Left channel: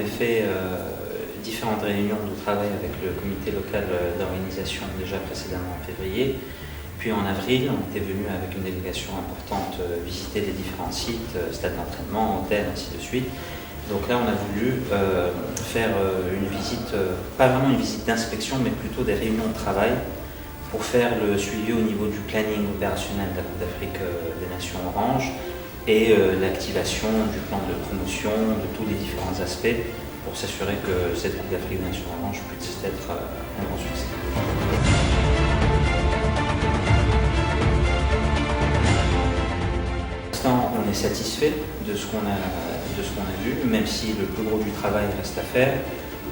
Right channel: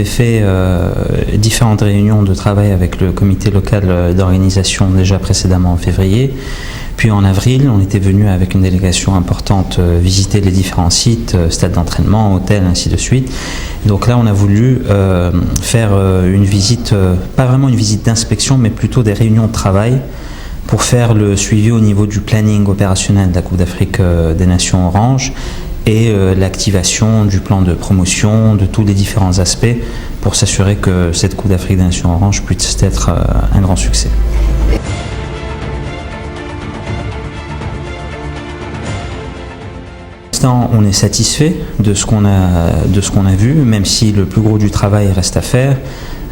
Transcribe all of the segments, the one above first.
J'ai fait différentes réunions de travail avec le comité local d'organisation déjà précédemment en février. Puis en avril, on était venu avec une délégation importante visiter les différents sites, stades d'entraînement, hôtels, ainsi de suite. Donc là, on a voulu faire une visite, pas vraiment une visite d'inspection, mais plutôt des réunions de travail pour faire le suivi au niveau du planning opérationnel de la Coupe d'Afrique des Nations Orange et l'activation du plan de promotion, de tous les différents aspects pour s'assurer que cette Coupe d'Afrique des Nations Orange puisse être un grand succès. On est satisfait de ce qu'on a vu, même si le plus gros du travail reste à faire.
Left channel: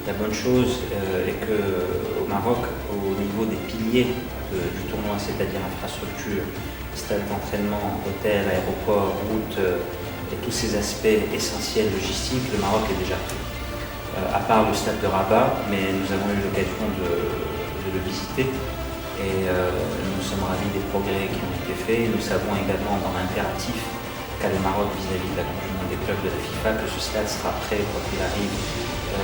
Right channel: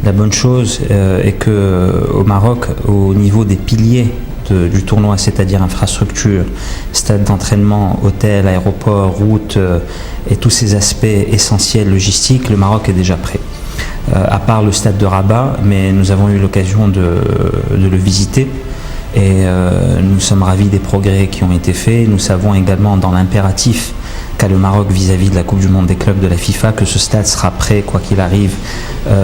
La bonne chose est qu'au Maroc, au niveau des piliers du tournoi, c'est-à-dire infrastructure, stade d'entraînement, hôtel, aéroport, route et tous ces aspects essentiels logistiques, le Maroc est déjà prêt. À part le stade de Rabat, mais nous avons eu l'occasion de le visiter et nous sommes ravis des progrès qui ont été faits. Nous savons également dans l'impératif qu'a le Maroc vis-à-vis de la Coupe du Monde des clubs de la FIFA que ce stade sera prêt quoi qu'il arrive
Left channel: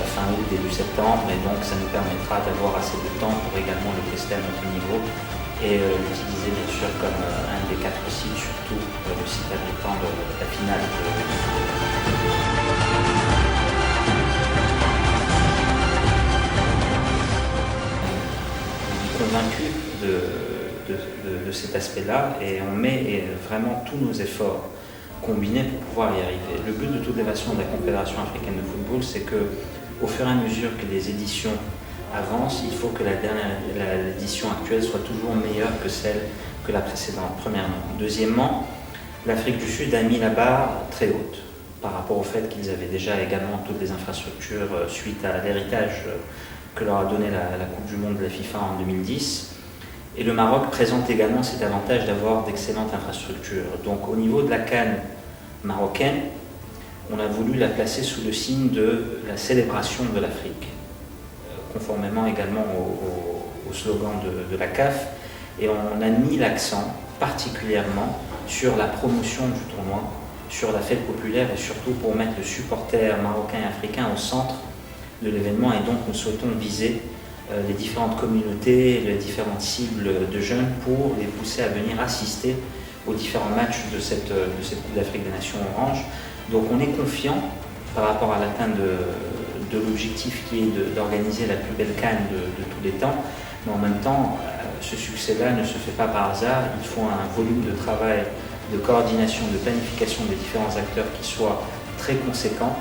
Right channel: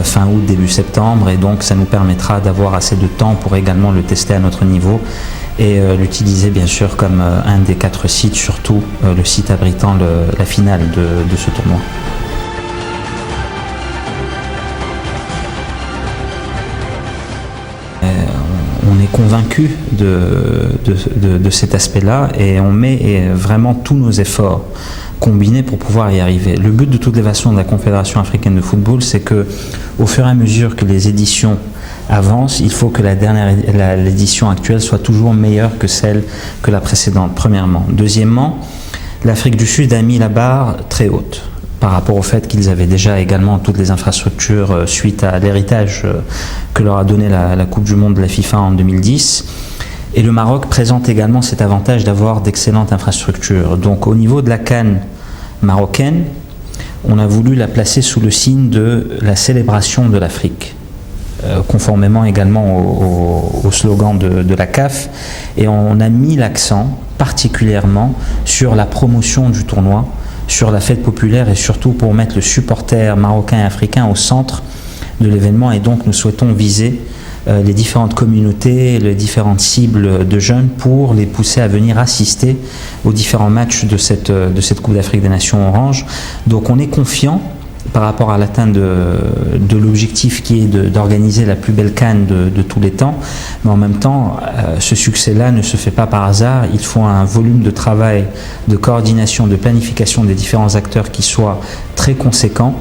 fin août, début septembre, et donc ça nous permettra d'avoir assez de temps pour également le tester à notre niveau et l'utiliser bien sûr comme un des 4 sites, surtout le site abritant la finale de ce tournoi. On est convaincu de cet aspect-là et on met vraiment tous nos efforts combinés pour pouvoir y arriver. Le but de toutes les façons de la Confédération africaine de football, c'est que au fur et à mesure que les éditions avancent, il faut que l'édition actuelle soit toujours meilleure que celle que la précédente, premièrement. Deuxièmement, l'Afrique du Sud a mis la barre très haute par rapport au fait qu'ils avaient déjà également toutes les infrastructures suite à l'héritage que leur a donné la Coupe du Monde de la FIFA en 2010. Et le Maroc présente également cet avantage d'avoir d'excellentes infrastructures. Donc au niveau de la CAN marocaine, on a voulu la placer sous le signe de la célébration de l'Afrique, conformément également au slogan de la CAF. Et on a mis l'accent particulièrement sur la promotion du tournoi, sur la fête populaire et surtout pour mettre le supporter marocain et africain au centre de l'événement. Et donc nous souhaitons viser les différentes communautés, les différentes cibles de jeunes pour les pousser à venir assister aux différents matchs de cette Coupe d'Afrique des Nations Orange. Donc on est confiant par rapport à l'atteinte de l'objectif qui est d'organiser la plus belle CAN de tous les temps, mais en même temps ce succès-là ne se fait pas par hasard. Il faut un volume de travail, de coordination, de planification des différents acteurs qui soit très conséquent,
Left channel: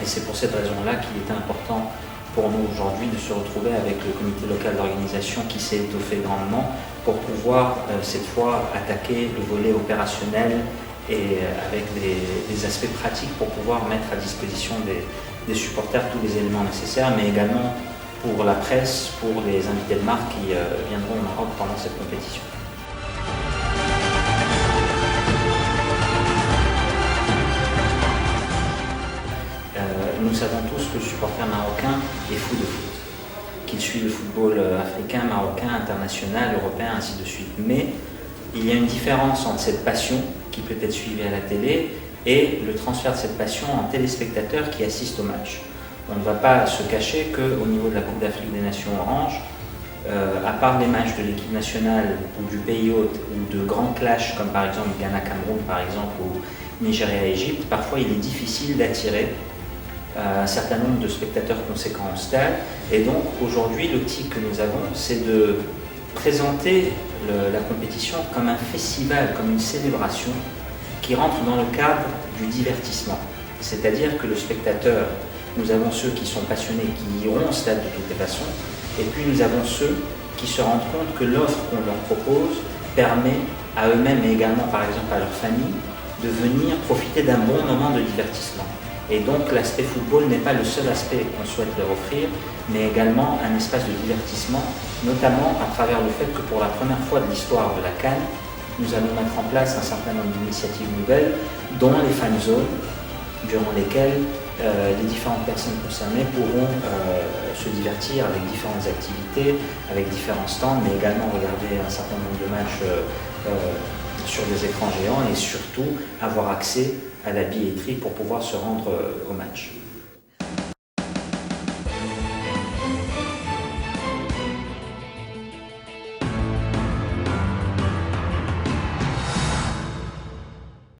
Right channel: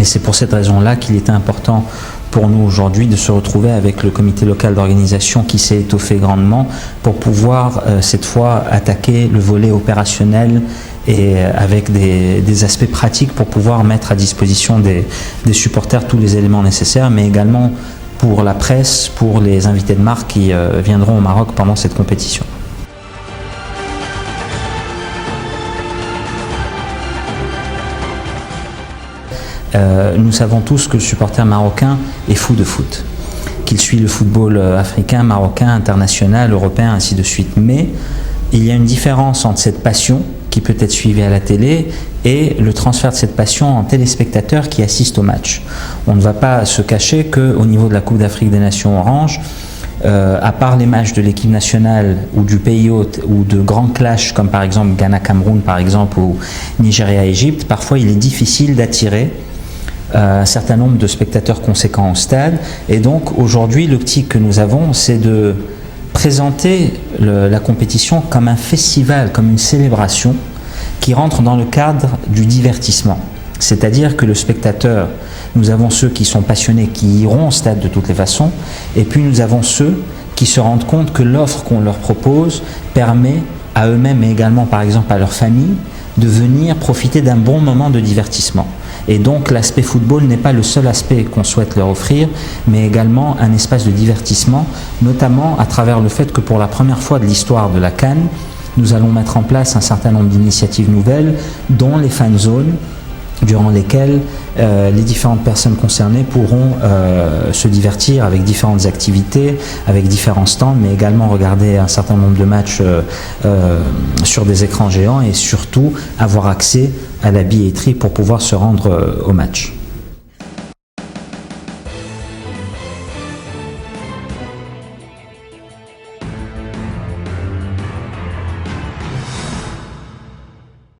et c'est pour cette raison-là qu'il était important pour nous aujourd'hui de se retrouver avec le comité local d'organisation qui s'est étoffé grandement pour pouvoir cette fois attaquer le volet opérationnel et avec des aspects pratiques pour pouvoir mettre à disposition des supporters tous les éléments nécessaires, mais également pour la presse, pour les invités de marque qui viendront au Maroc pendant cette compétition. Nous savons tous que le supporter marocain est fou de foot, qu'il suit le football africain, marocain, international, européen, ainsi de suite. Mais il y a une différence entre cette passion qui peut être suivie à la télé et le transfert de cette passion en téléspectateurs qui assistent au match. On ne va pas se cacher qu'au niveau de la Coupe d'Afrique des Nations Orange, à part les matchs de l'équipe nationale ou du pays hôte ou de grands clashs comme par exemple Ghana-Cameroun par exemple ou Nigeria-Égypte, parfois il est difficile d'attirer un certain nombre de spectateurs conséquents au stade. Et donc aujourd'hui l'optique que nous avons, c'est de présenter la compétition comme un festival, comme une célébration qui rentre dans le cadre du divertissement. C'est-à-dire que le spectateur, nous avons ceux qui sont passionnés, qui iront au stade de toutes les façons, et puis nous avons ceux qui se rendent compte que l'offre qu'on leur propose permet à eux-mêmes et également par exemple à leur famille de venir profiter d'un bon moment de divertissement. Et donc l'aspect football n'est pas le seul aspect qu'on souhaite leur offrir, mais également un espace de divertissement, notamment à travers le fait que pour la première fois de l'histoire de la CAN, nous allons mettre en place un certain nombre d'initiatives nouvelles, dont les fan zones, durant lesquelles les différentes personnes concernées pourront se divertir avec différentes activités, avec différents stands, mais également regarder un certain nombre de matchs sur des écrans géants et surtout avoir accès à la billetterie pour pouvoir se rendre au match.